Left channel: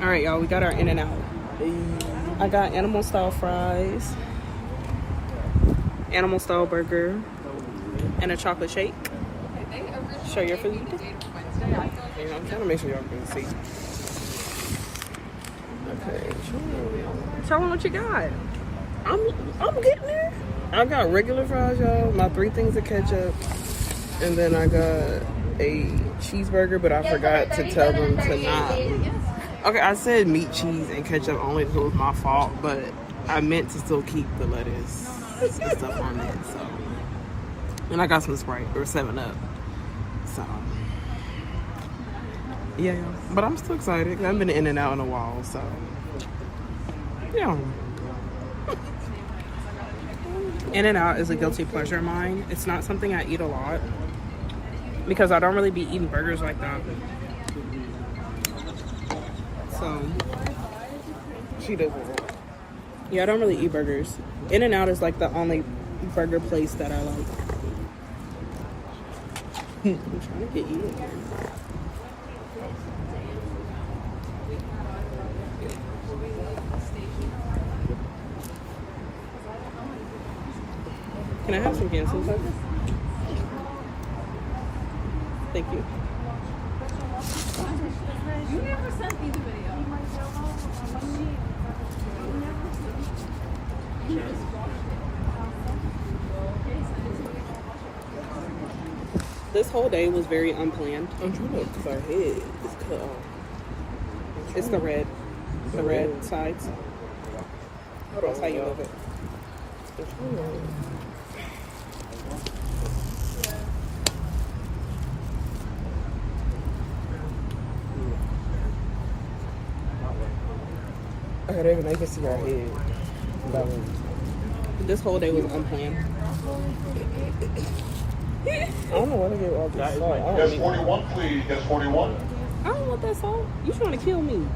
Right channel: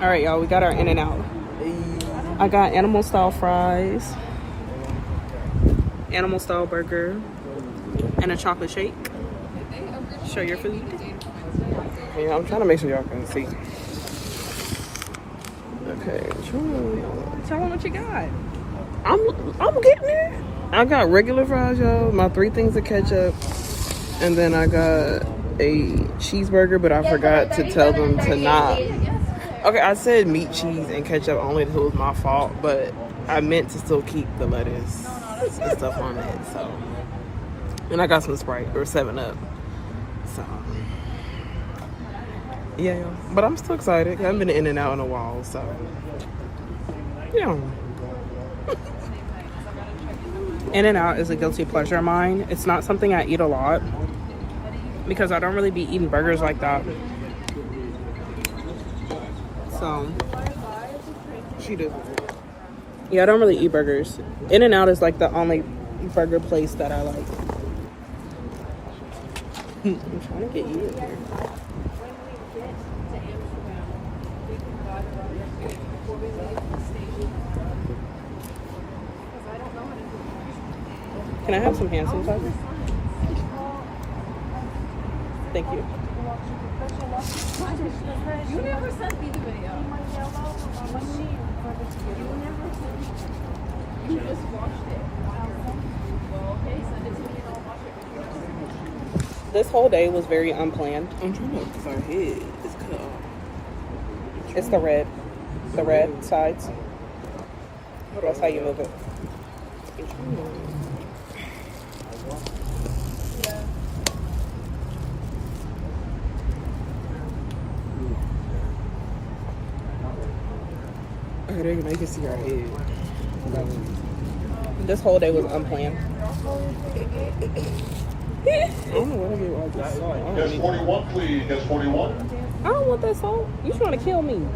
All right, y'all, we got our In-N-Out. I got animal style fries, animal style burger, and a chocolate shake. Show your food. Yeah, I'm trying to make sure y'all can see. Okay. Tell them what you got. I'm getting there. I got regular fries, y'all. My 3 things of ketchup. And then I got a cheeseburger, but I forgot to tell them to not. Okay, I said meat, cheese, and ketchup only if it was my fault, but I meant to still keep the lettuce and stuff on it, so. And I got some Sprite or 7-Up. So. Yeah, y'all. But I'm still excited. I haven't been in and out in a while, so. Yeah. In-N-Out is a guilty pleasure of mine. It's not something I eat a lot because I don't really be eating burgers like that. So, She doesn't. yeah, I don't really eat burgers. In-N-Out is like the only burger place that I like. I'm trying to get you in here. Can I have some hand sanitizer? Thank you. You never sent me the video. This whole day was very unplanned. I'm trying to, because our head is cut off. It's the red. The red sides. Hold on, That's how you move it. I'm trying to. Okay, there, now you can see our head. That was. This whole day was unplanned. I don't know where to get all this salt. I don't Guest need 41, please. Guest 41. I don't want that salt. You trying to kill me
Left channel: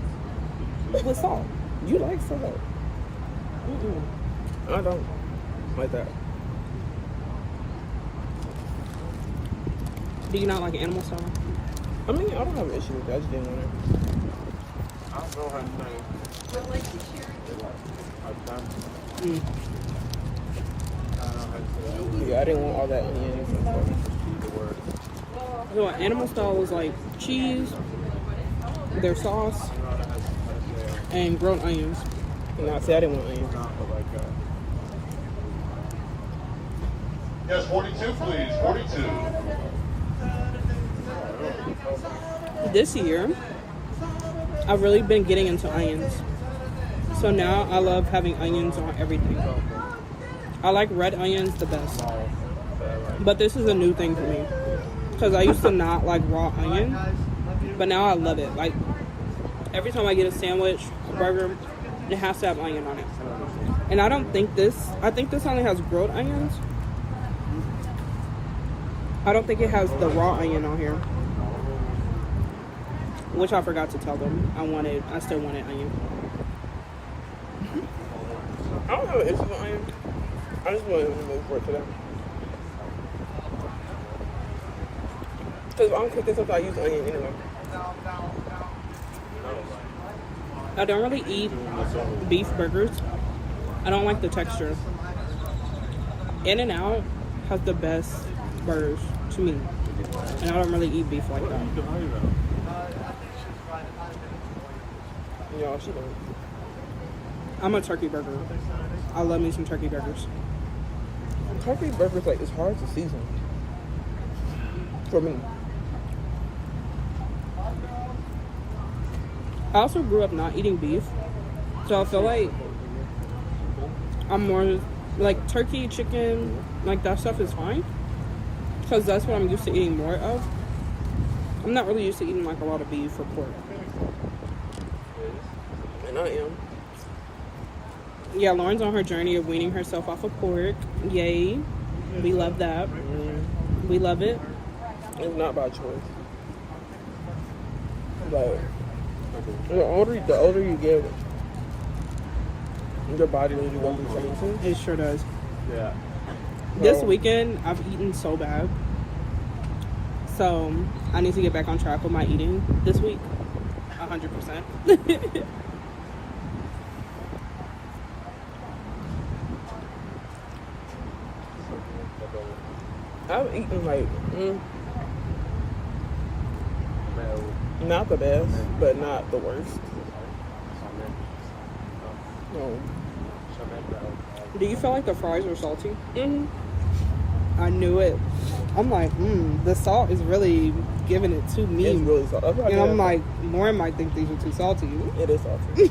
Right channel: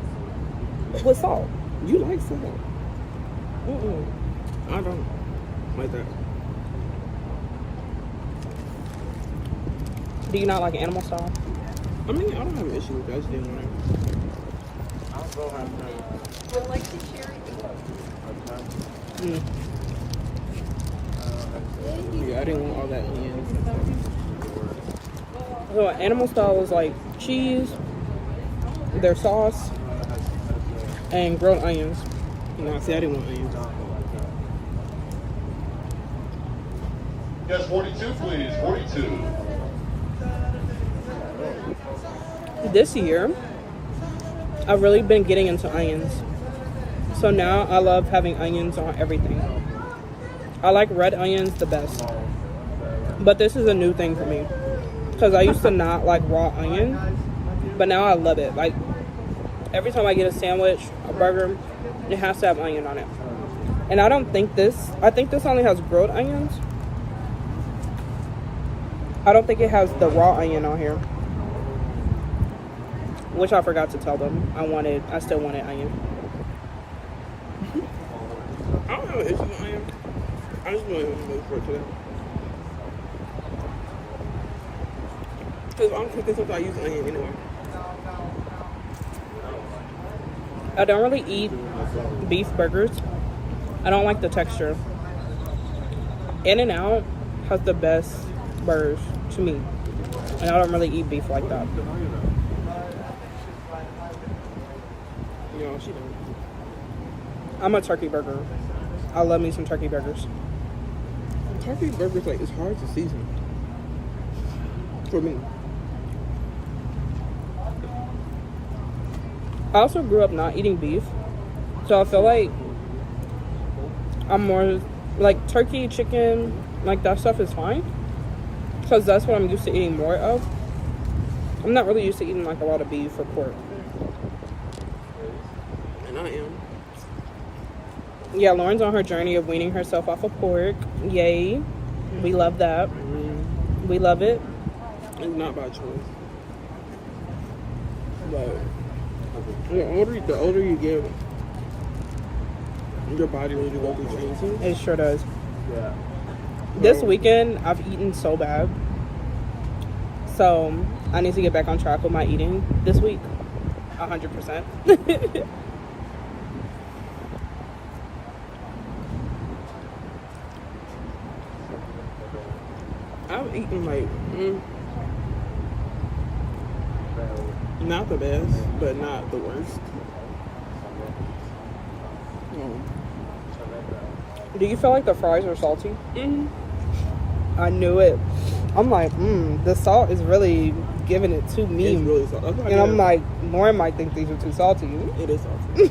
with salt? You like salt? Mm-mm. I don't like that. Do you not like animal style? I mean, I don't have an issue with it. I just didn't want it. Mm. Yeah, I didn't want all that onions and stuff. So animal style is like cheese, their sauce, and grilled onions. No, see, I didn't want onions. Guest 42, please. 42. This year, I've really been getting into onions. So now I love having onions on everything. I like red onions the best. But this is a new thing for me. Because I used to not like raw onions. But now I love it. Like, every time I get a sandwich, a burger, it has to have onion on it. And I think this only has grilled onions. I don't think it has the raw onion on here. Which I forgot to tell them. I still wanted onion. I don't have an issue with onions. I just want to move for it today. Because if I'm cooking something, I use onion anyway. I don't really eat beef burgers. I don't like the texture. In-N-Out has the best burgers to me. And I don't really eat beef like that. Y'all, she don't. I'm a turkey burger. I love me some turkey burgers. Turkey burgers, like, it's hard to season. For me. I also grew up not eating beef. So I feel like I'm more like turkey, chicken, like that stuff is fine. Because that's what I'm used to eating more of. I'm not really used to eating like a lot of beef or pork. And I am. Yeah, Lauren's on her journey of weaning herself off of pork. Yay. We love that. We love it. It's not by choice. But the older you get, your body really goes through changes. It sure does. Yeah. This weekend, I've eaten so bad. So, I need to get back on track with my eating this week. 100%. I've eaten like not the best, but not the worst. No. Do you feel like the fries are salty? Mm-hmm. I knew it. I'm like, the salt is really giving it to me. It's really salty. That's what I And did. I'm like, Lauren might think these are too salty. It is salty.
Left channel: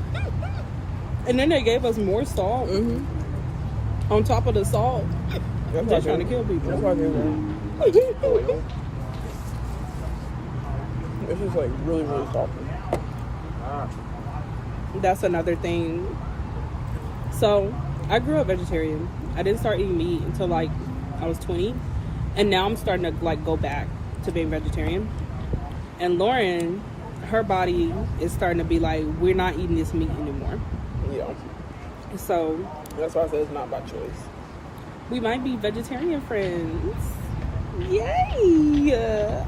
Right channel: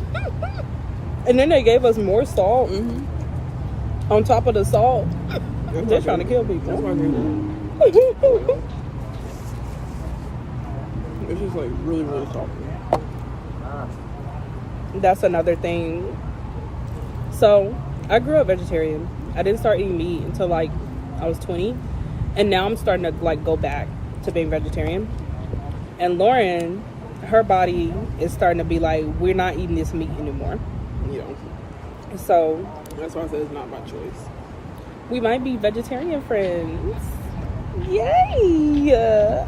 And then they gave us more salt Mm-hmm. on top of the salt. That's Just trying to kill That's people. why I did that. It's just like really, really salty. That's another thing. So, I grew up vegetarian. I didn't start eating meat until like I was 20. And now I'm starting to like go back to being vegetarian. And Lauren, her body is starting to be like, we're not eating this meat anymore. Yeah. So, That's why I said it's not by choice. we might be vegetarian friends. Yay!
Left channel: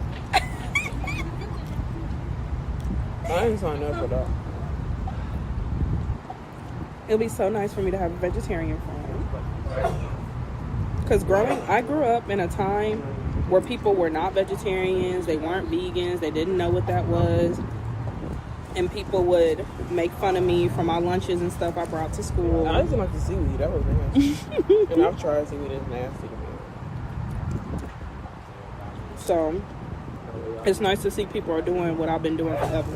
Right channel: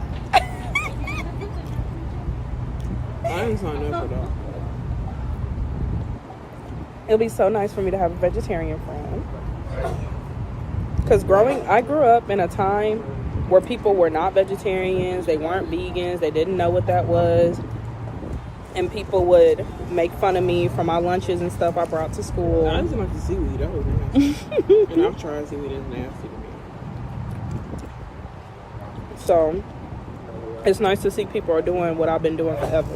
I ain't signed up for that. It'll be so nice for me to have a vegetarian friend. Because I grew up in a time where people were not vegetarians, they weren't vegans, they didn't know what that was. And people would make fun of me for my lunches and stuff I brought to school. I didn't like the seaweed. That was nasty. And I've tried seaweed. It's nasty to me. So, it's nice to see people are doing what I've been doing forever.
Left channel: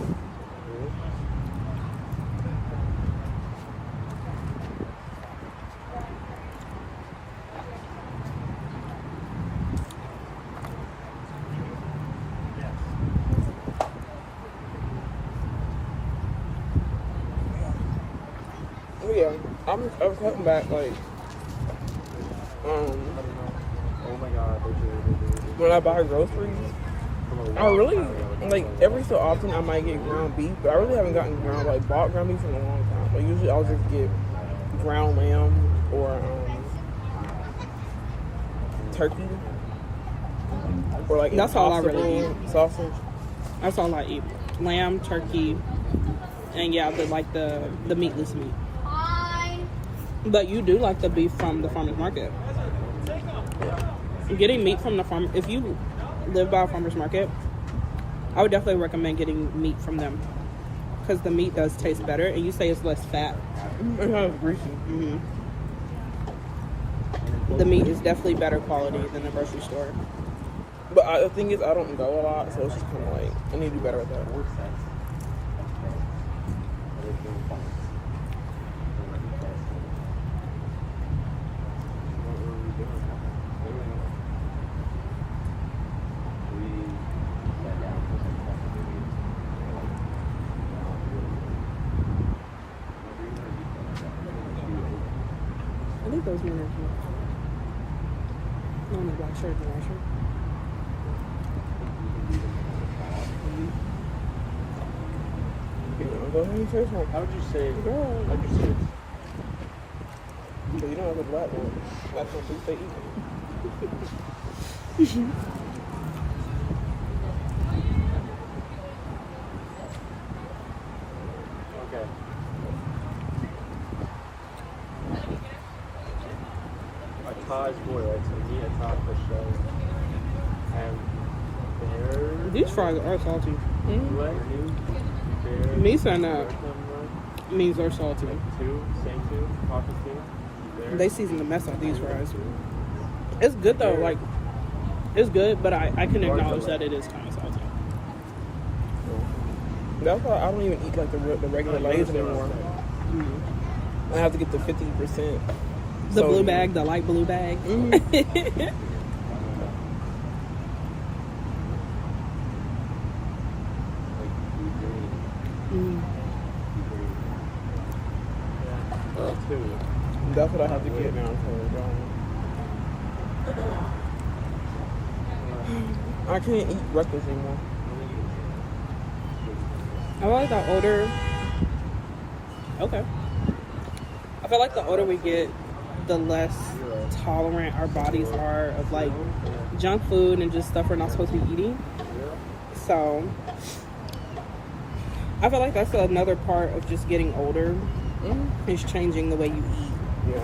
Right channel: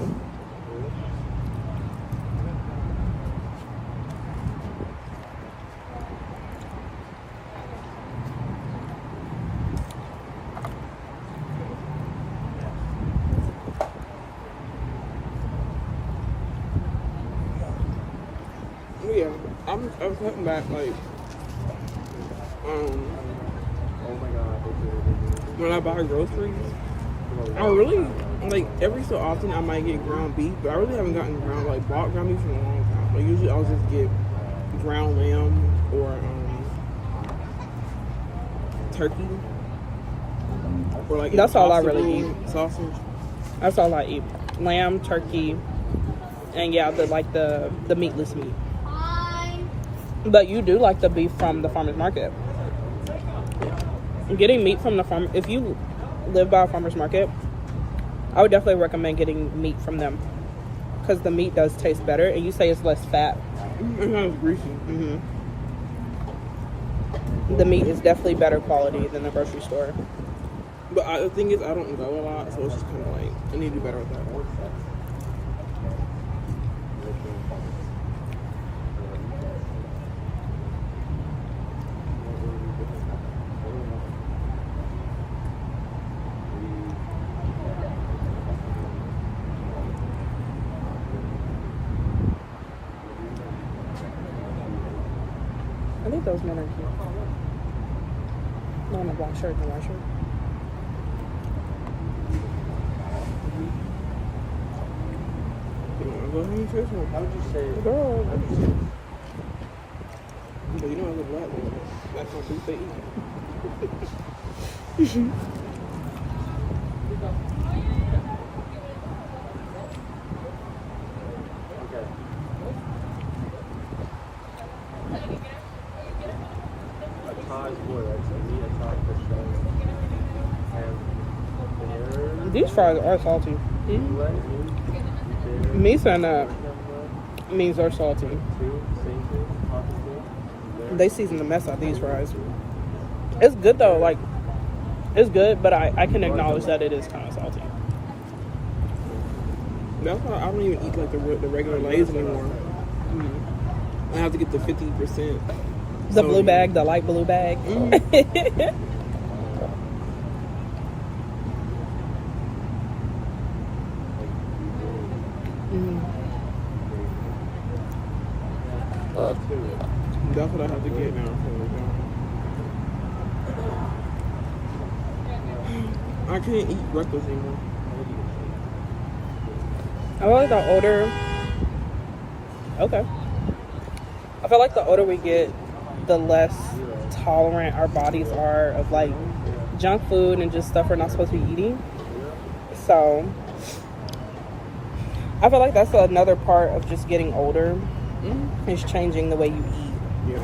Yeah, I'm cutting back like when I buy groceries. I really like every so often I might get ground beef, but I really haven't gotten bought ground beef in a long time. Like usually I'll just get ground lamb or turkey or like That's all I really Impossible sausage. That's all I eat. Lamb, turkey, and yeah, the meatless meat. But you do like the beef from the farmer's market. Getting meat from the farm, if you live by a farmer's market, I would definitely recommend getting meat from them. Because the meat does taste better, and you say it's less fat. It's not as greasy. Mm-hmm. The meat is definitely better quality than the grocery store. But the thing is, I don't go a lot, so it's just kind of like I need to do better with that. I think those men are cute. No, in the black shirt, the white shirt. You wanna go ahead and say something? How'd you say it? Go on. How'd you say it? But you know, the black one. That's what beef they eat. Okay. A Thai is good. It's a meat, a Thai for sure. And These fries are salty. Mm-hmm. Me saying that means they're salty. They season the mess out of these fries. It's good though, like, it's good, but I can acknowledge that it is kind of salty. That's why I don't even eat like the regular Lay's anymore. I have to get the 50%. The blue bag, the light blue bag. That's what I have to get now. So I can't eat breakfast anymore. I feel like the older, I feel like the older we get, the less tolerant our bodies are of like junk food and just stuff we're not supposed to be eating. So I feel like that's another part of just getting older. Mm-hmm. Is changing the way you eat. Yeah.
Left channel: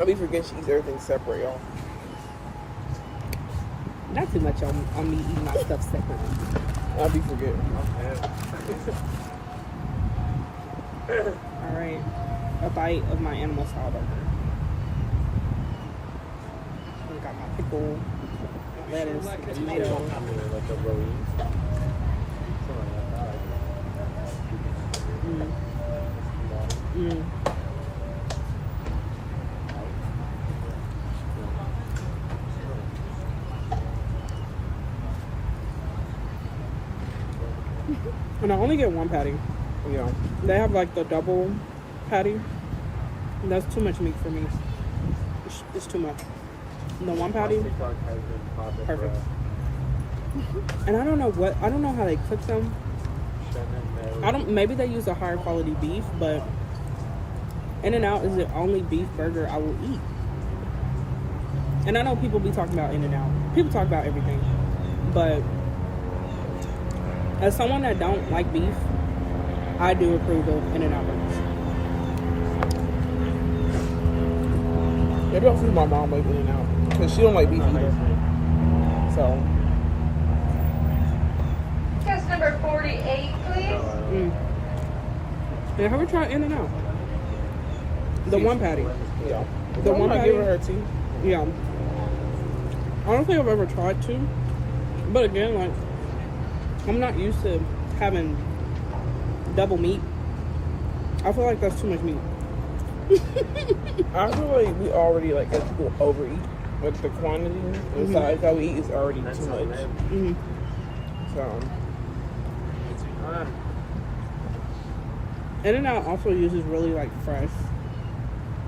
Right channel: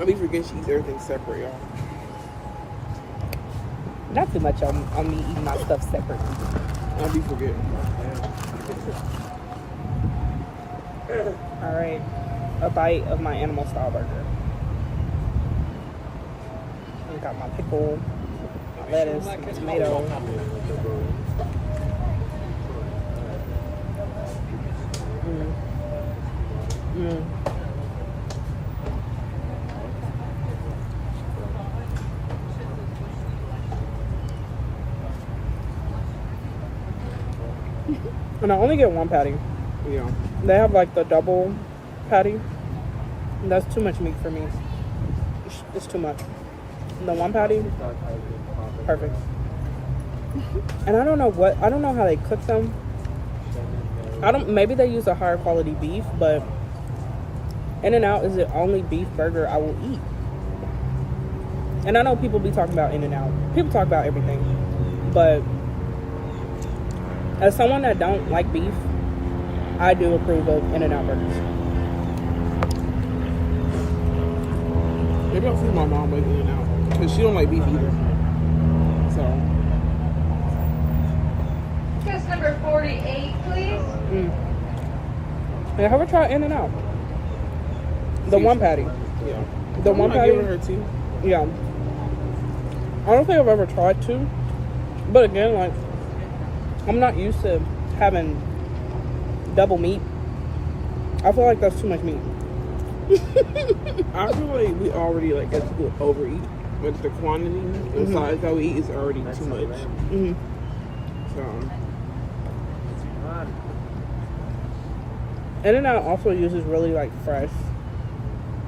I be forgetting she eats everything separate, y'all. Not too much on me eating my stuff separately. I'll be forgetting. All right, a bite of my animal style burger. I got my pickle, my lettuce, my tomato. Mm. And I only get one patty. Yeah. They have like the double patty. That's too much meat for me. It's too much. The one patty, perfect. And I don't know how they cook them. Maybe they use a higher quality beef, but In-N-Out is the only beef burger I will eat. And I know people be talking about In-N-Out. People talk about everything. But as someone that don't like beef, I do approve of In-N-Out burgers. Maybe I'll see my mom like In-N-Out because she don't like beef either. So. Test number 48, please. And have you tried In-N-Out? The one patty. Yeah. The one patty. Give her tea. Yeah. I don't think I've ever tried to. But again, like, I'm not used to having double meat. I feel like that's too much meat. I feel like we already, like, as people overeat. Like, the quantity and size that we eat is already too much. So. In-N-Out also uses really, like, fresh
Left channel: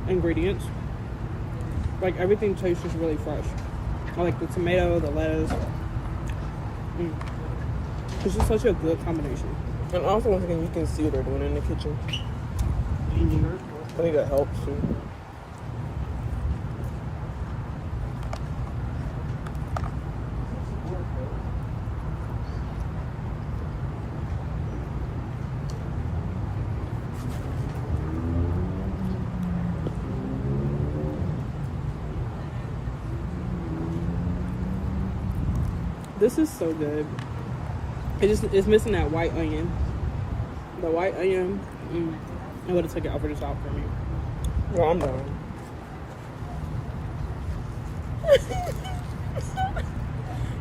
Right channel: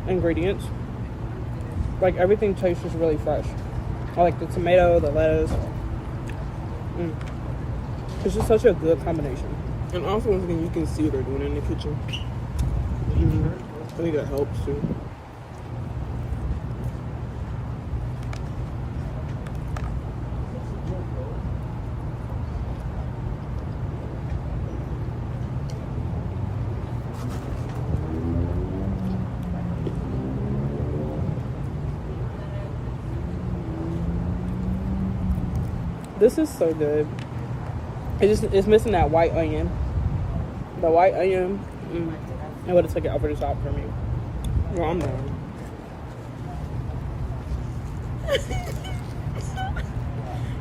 ingredients. Like, everything tastes just really fresh. I like the tomato, the lettuce. It's just such a good combination. And also, once again, you can see what they're doing in the kitchen. I think that helps, too. This is so good. It's missing that white onion. The white onion, it would have took it over the top for me. Well, I'm done.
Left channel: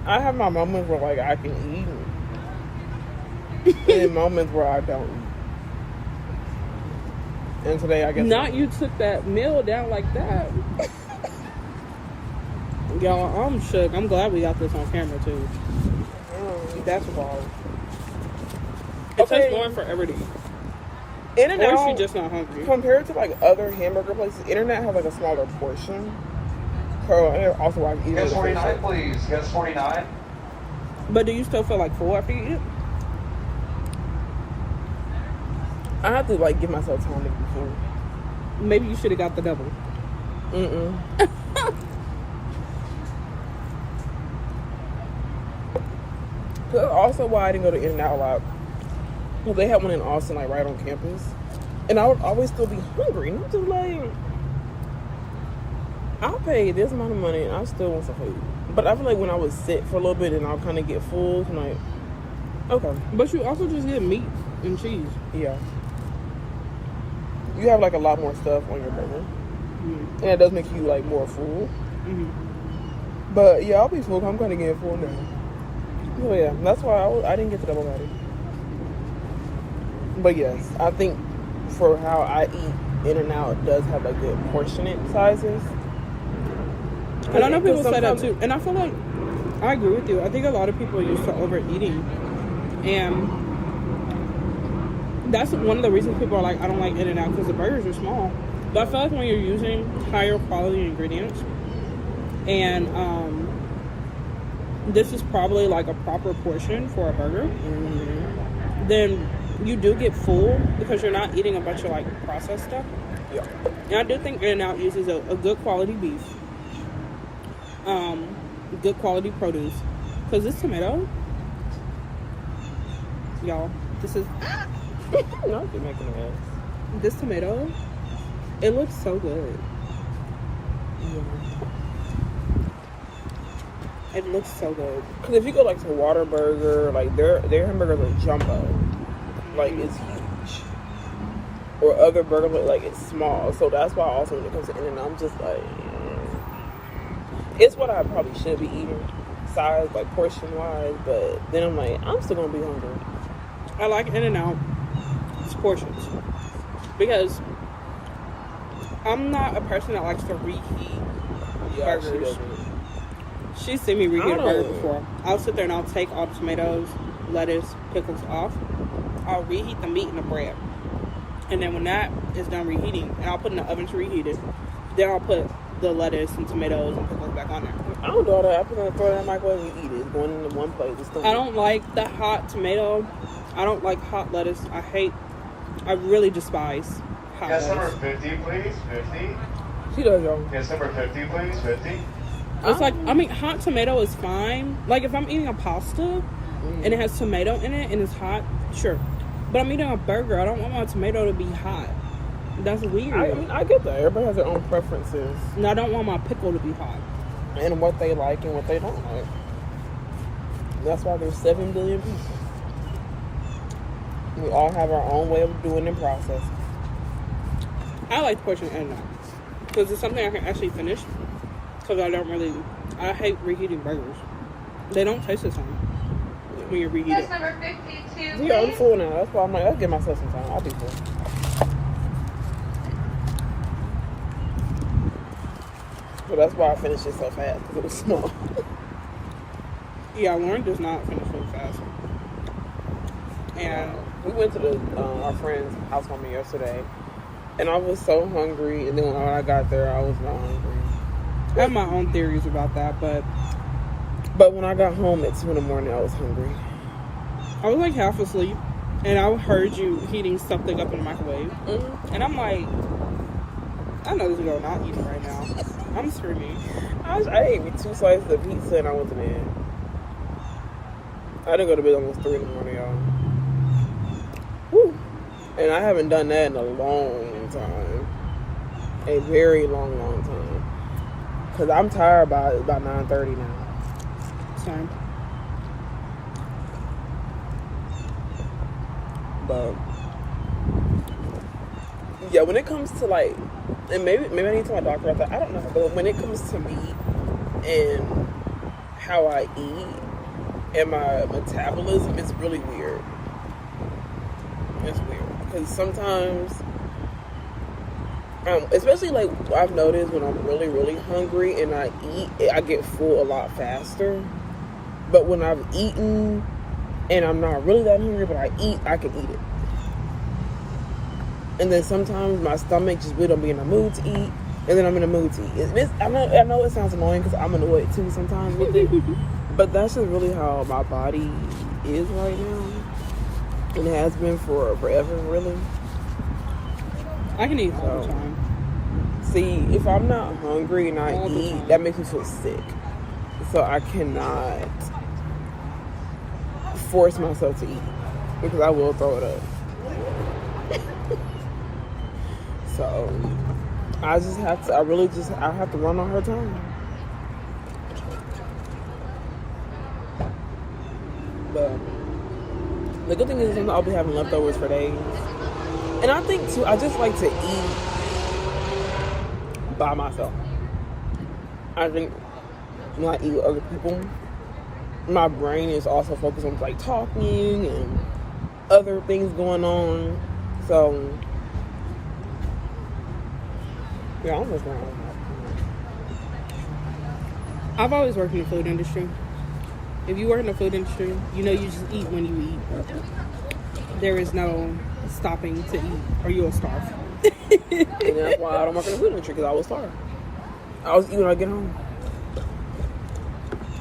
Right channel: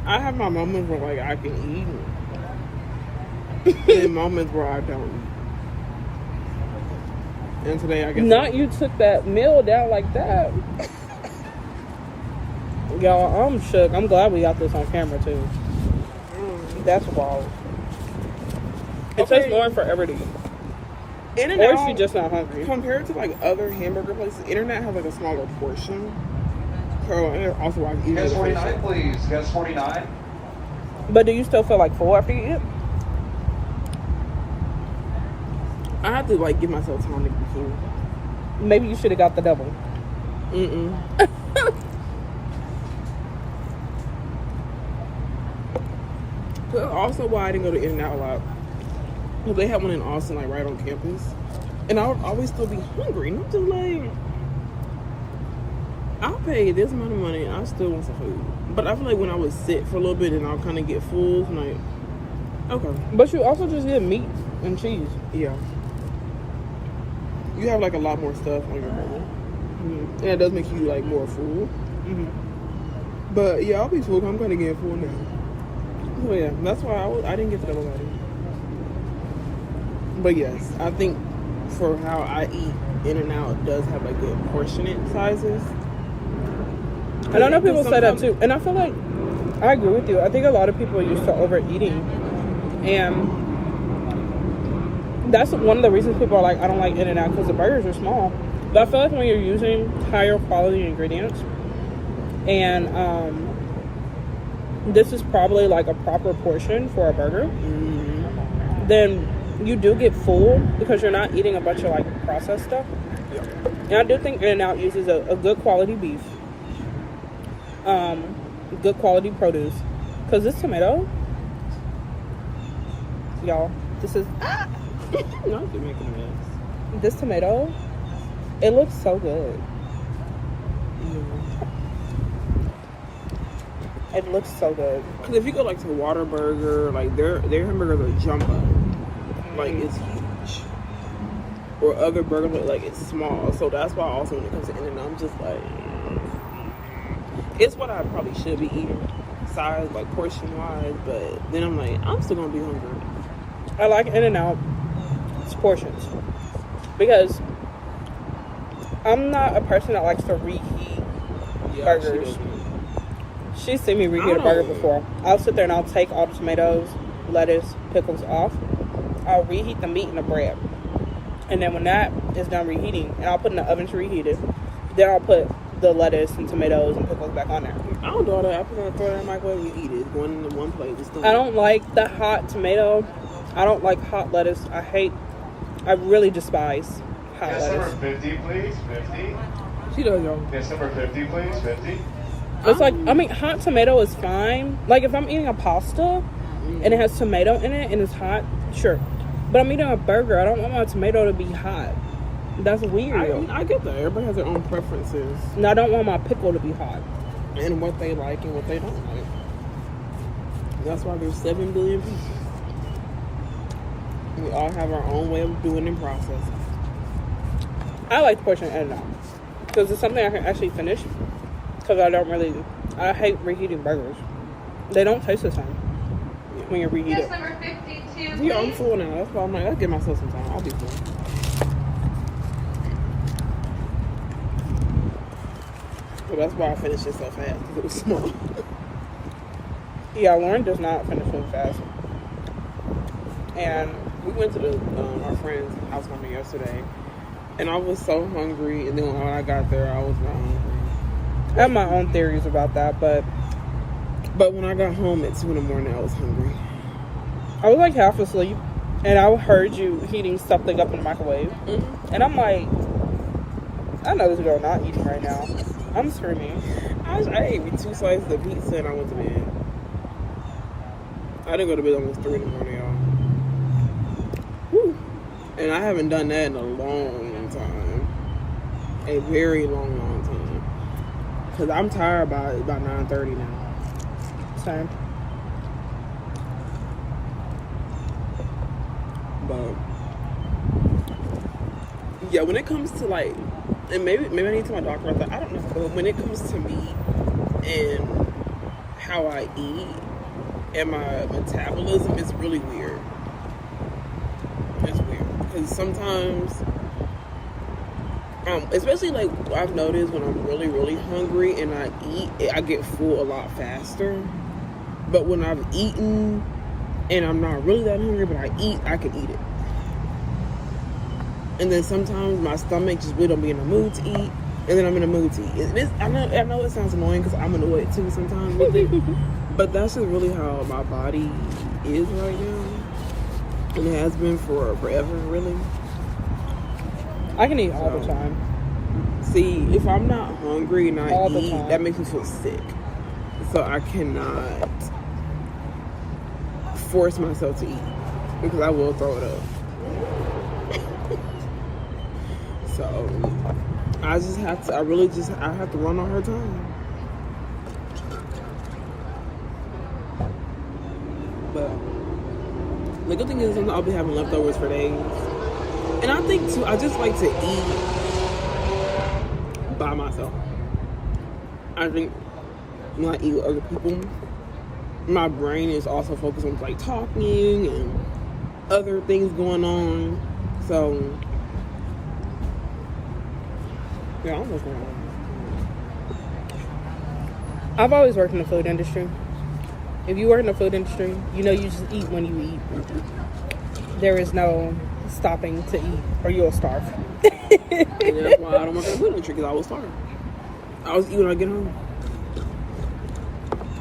I have my moments where, like, I can eat. And then moments where I don't eat. And today, I guess... Not you took that meal down like that. Y'all, I'm shook. I'm glad we got this on camera, too. That's wild. It takes Lauren forever to eat. In-N-Out, Or is she just not hungry? compared to, like, other hamburger places, In-N-Out has, like, a smaller portion. So, and also, I can eat Guest it. 49, please. Guest 49. But do you still feel like full after you eat it? I have to, like, give myself time to be full. Maybe you should have got the double. That's also why I didn't go to In-N-Out a lot. Because they had one in Austin, like, right on campus. And I would always still be hungry. And I'm just like, I'll pay this amount of money and I still want some food. But I feel like when I would sit for a little bit and I'll kind of get full, I'm like, okay. But you also just get meat and cheese. Yeah. You have, like, a lot more stuff on your burger. And it does make you, like, more full. But, yeah, I'll be full. I'm kind of getting full now. So, yeah, that's why I didn't get the double patty. But, yes, I think for how I eat, In-N-Out does have, like, good portionate sizes. And I know people say that, too. And I feel like, I agree with you. I think a lot of people are used to overeating. And that's one of the reasons people are like, I don't like In-N-Out, because the burgers are small. But I feel like when you're using higher quality ingredients, and this is probably like a proper portion for a burger, then you do get full because you're not eating a bunch of like processed stuff. Yeah. And I do think In-N-Out uses a good quality beef. good quality produce. Cause this tomato, y'all, this is Not you making a mess. this tomato. It looks so good. Yeah. It looks so good. Cause if you go like to Whataburger, like their hamburgers are jumbo, like it's huge. Or other burgers like it's small. So that's why also when it comes to In-N-Out, I'm just like, it's what I probably should be eating, size like portion wise. But then I'm like, I'm still gonna be hungry. I like In-N-Out. It's portions because I'm not a person that likes to reheat Yeah, she burgers. doesn't. She's seen me reheat a I burger don't- before. I'll sit there and I'll take all the tomatoes, lettuce, pickles off. I'll reheat the meat and the bread. And then when that is done reheating, and I'll put it in the oven to reheat it, then I'll put the lettuce and tomatoes and pickles back on there. I don't do all that. I put it on, throw it in the microwave and eat it. It's going in one plate. It's done. I don't like the hot tomato. I don't like hot lettuce. I really despise hot Guest number lettuce. 50, please. 50. She does, y'all. Guest number 50, please. 50. It's like, I mean, hot tomato is fine. Like, if I'm eating a pasta and it has tomato in it and it's hot, sure. But I'm eating a burger. I don't want my tomato to be hot. That's weird. I get that. Everybody has their own preferences And I don't want my pickle to be hot. and what they like and what they don't like. That's why there's 7 billion people. We all have our own way of doing and processing. I like portion In-N-Out because it's something I can actually finish. Because I hate reheating burgers. They don't taste the same when you reheat it. Guest number 52, Yeah, I'm please. full now. That's why I'm like, I'll give myself some time. I'll be full. So that's why I finished it so fast, because it was small. Yeah, Lauren does not finish food fast. And We went to our friend's housewarming yesterday, and I was so hungry. And then when I got there, I was not hungry. I have my own theories about that, but But when I got home at 2 in the morning, I was hungry. I was like half asleep and I heard you heating something up in the microwave. Mm-hmm. And I'm like, I know this girl not eating right now. I'm screaming. I ate me 2 slices of pizza and I went to bed. I didn't go to bed almost 3 in the morning, y'all. Woo. And I haven't done that in a long time. A very long, long time. Because I'm tired by 9:30 now. Same. But yeah, when it comes to like, and maybe I need to tell my doctor about that. I don't know, but when it comes to meat and how I eat and my metabolism, it's really weird. It's weird because sometimes, especially like I've noticed when I'm really, really hungry and I eat, I get full a lot faster. But when I've eaten and I'm not really that hungry, but I can eat it. And then sometimes my stomach just really don't be in the mood to eat, and then I'm in the mood to eat. I know it sounds annoying because I'm annoyed too sometimes with it, but that's just really how my body is right now, and it has been for forever, really. I can eat all the time. See, if I'm not hungry and I All the eat, time. that makes me feel sick. So I cannot force myself to eat because I will throw it up. So I just have to. I have to run on her time. But the good thing is sometimes I'll be having leftovers for days. And I think too, I just like to eat by myself. I think when I eat with other people, my brain is also focused on like talking and other things going on. So yeah, I'm just gonna. I've always worked in the food industry. If you work in the food industry, you know you just eat when you eat. There is no stopping to eat or you'll starve. And that's why I don't work in the food industry because I was starved. I was eating when I get home.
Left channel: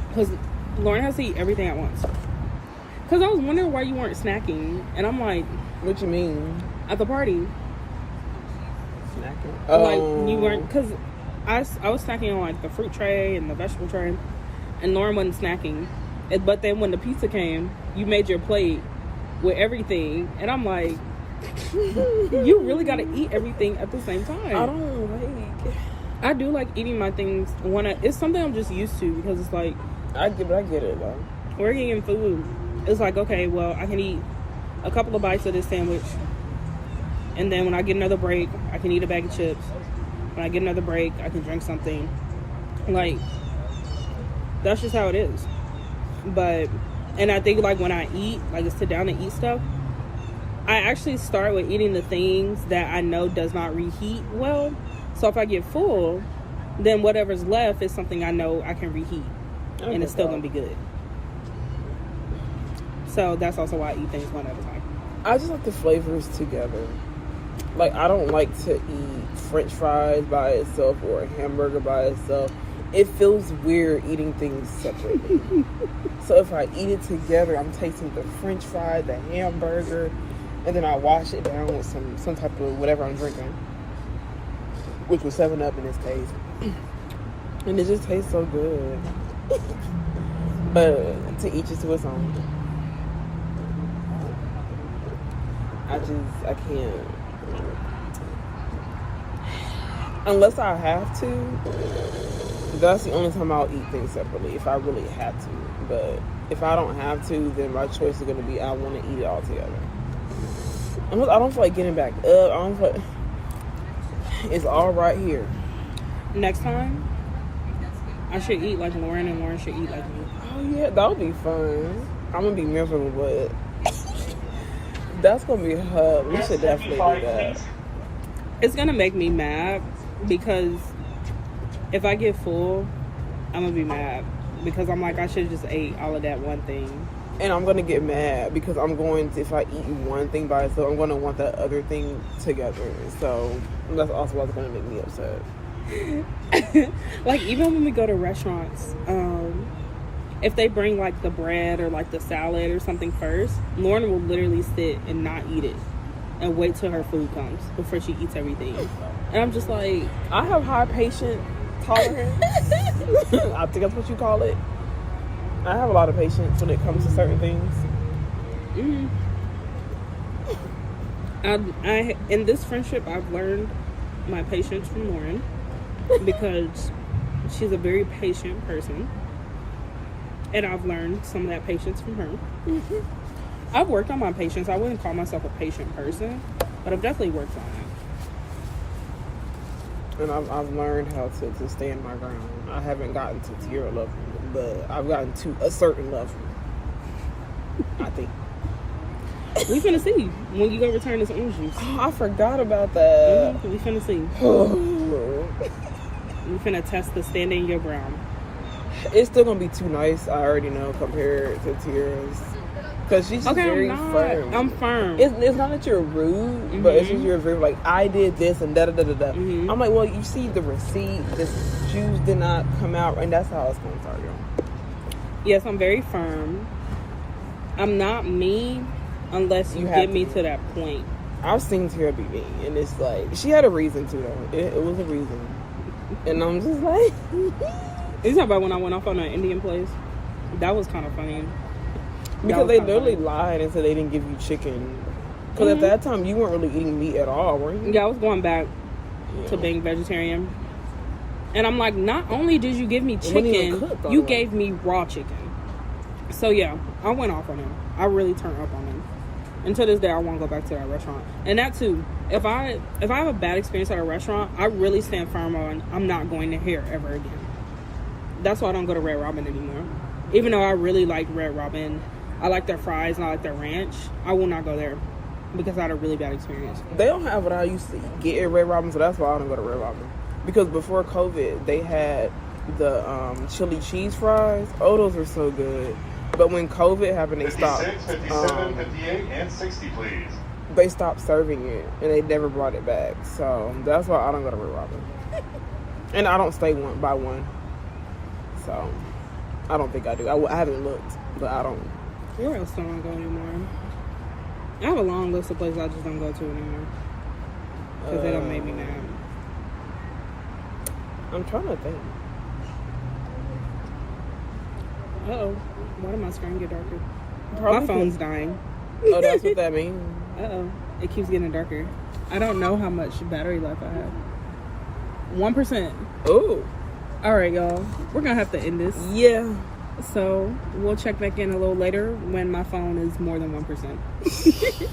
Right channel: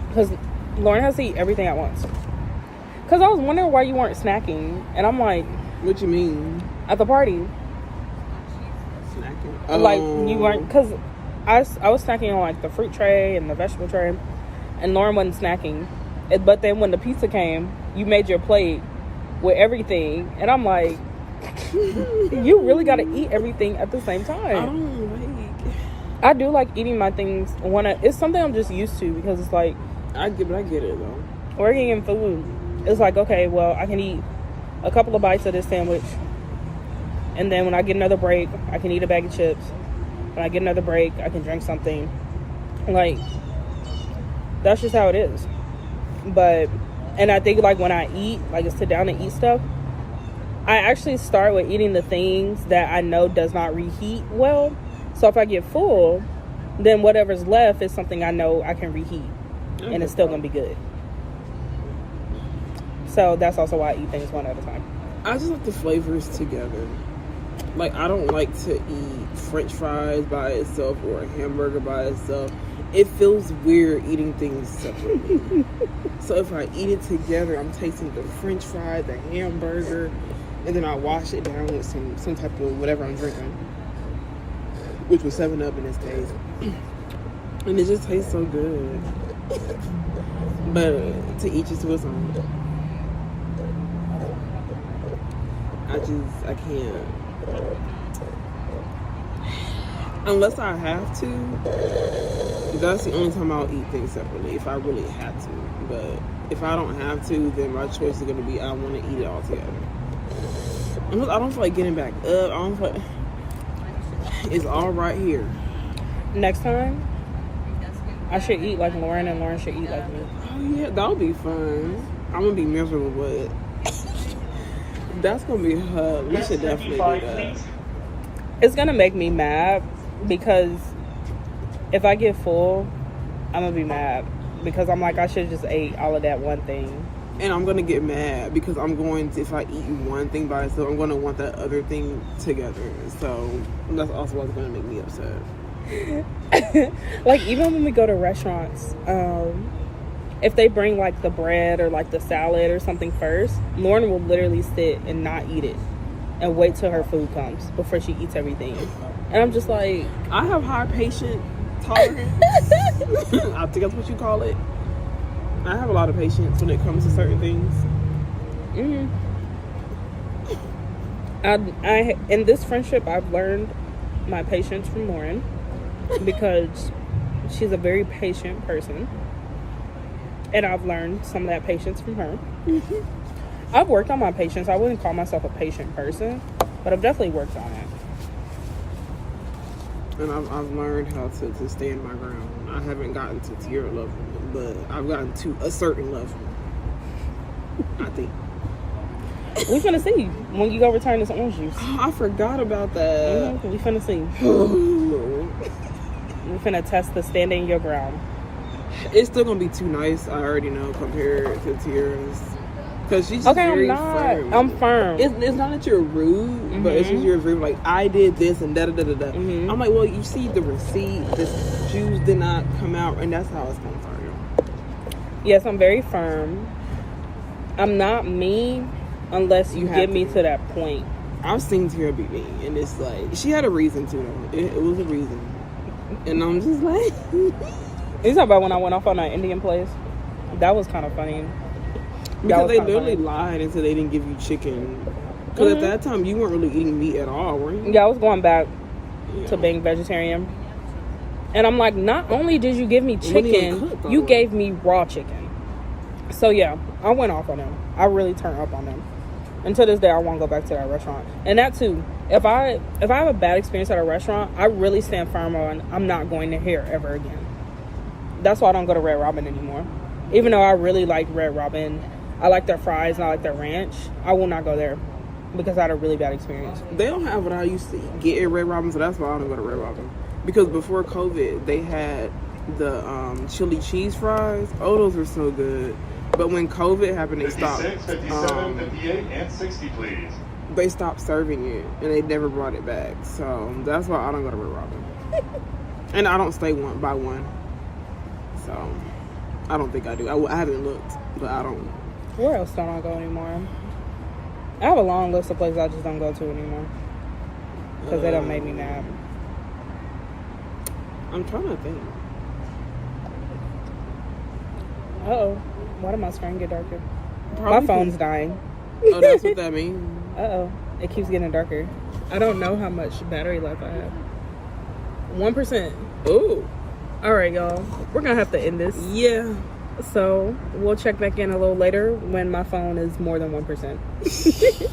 Because Lauren has to eat everything at once. Because I was wondering why you weren't snacking. And I'm like, What you mean? at the party. Snacking? Like, you weren't. Because I was snacking on like the fruit tray and the vegetable tray, and Lauren wasn't snacking. But then when the pizza came, you made your plate with everything, and I'm like, you really got to eat everything at the same time. I don't like. I do like eating my things when it's something I'm just used to, because it's like I get it though. working in food. It's like, okay, well, I can eat a couple of bites of this sandwich, and then when I get another break, I can eat a bag of chips. When I get another break, I can drink something. Like, that's just how it is. But, and I think like when I eat, like sit down and eat stuff, I actually start with eating the things that I know does not reheat well. So if I get full, then whatever's left is something I know I can reheat, and it's still gonna be good. So that's also why I eat things one at a time. I just like the flavors together. Like, I don't like to eat French fries by itself or a hamburger by itself. It feels weird eating things separately. So if I eat it together, I'm tasting the French fry, the hamburger, and then I wash it down with some type of whatever I'm drinking, which was 7-Up in this case. And it just tastes so good. But to each is to his own. I can't. Unless I have to, that's the only time I'll eat things separately, if I really have to. But if I don't have to, then my choice is going to be I want to eat it all together. I don't feel like getting back up. I don't feel like, it's all right here. Next time, I should eat like Lauren, and Lauren should eat like me. Oh yeah, that would be fun. I'm going to be miserable, but that's going to be her. We should definitely do that. It's gonna make me mad, because if I get full, I'm gonna be mad, because I'm like, I should just ate all of that one thing. And I'm gonna get mad because I'm going to, if I eat one thing by itself, I'm gonna want that other thing together. So that's also what's gonna make me upset. Like, even when we go to restaurants, if they bring like the bread or like the salad or something first, Lauren will literally sit and not eat it and wait till her food comes before she eats everything. And I'm just like, I have high patient tolerance. I think that's what you call it. I have a lot of patience when it comes to certain things. I in this friendship, I've learned my patience from Lauren, because she's a very patient person, and I've learned some of that patience from her. I've worked on my patience. I wouldn't call myself a patient person, but I've definitely worked on it. And I've learned how to stand my ground. I haven't gotten to tier level, but I've gotten to a certain level, I think. We're finna see when you go return this orange juice. Oh, I forgot about that. We finna see. We're finna test the standing your ground. It's still gonna be too nice, I already know, compared to Tiara's. Because she's just very firm. I'm firm. It's not that you're rude, but it's just you're very like, I did this and da-da-da-da-da. I'm like, well, you see the receipt, the shoes did not come out, and that's how it's going to start, y'all. Yes, I'm very firm. I'm not mean unless you get me to that point. I've seen Tiara be mean, and it's like, she had a reason to, though. It was a reason. And I'm just like... You know about when I went off on that Indian place? That was kind of funny. Because they literally lied and said they didn't give you chicken. Because at that time, you weren't really eating meat at all, were you? Yeah, I was going back to being vegetarian. And I'm like, not only did you give me chicken, you gave me raw chicken. So yeah, I went off on them. I really turned up on them. And to this day, I won't go back to that restaurant. And that too, if I have a bad experience at a restaurant, I really stand firm on I'm not going to here ever again. That's why I don't go to Red Robin anymore. Even though I really like Red Robin, I like their fries and I like their ranch, I will not go there because I had a really bad experience. They don't have what I used to get at Red Robin, so that's why I don't go to Red Robin. Because before COVID, they had the chili cheese fries. Oh, those were so good. But when COVID happened, they stopped. 57, 58, and 60, please. They stopped serving it, and they never brought it back. So that's why I don't go to Red Robin. And I don't stay one by one. So I don't think I do. I haven't looked, but I don't. Where else don't I go anymore? I have a long list of places I just don't go to anymore because they don't make me mad. I'm trying to think. Uh-oh. Why did my screen get darker? Probably My phone's dying. Oh, that's what that means. Uh-oh. It keeps getting darker. I don't know how much battery life I have. 1%. Ooh. All right, y'all. We're going to have to end this. Yeah. So we'll check back in a little later when my phone is more than 1%.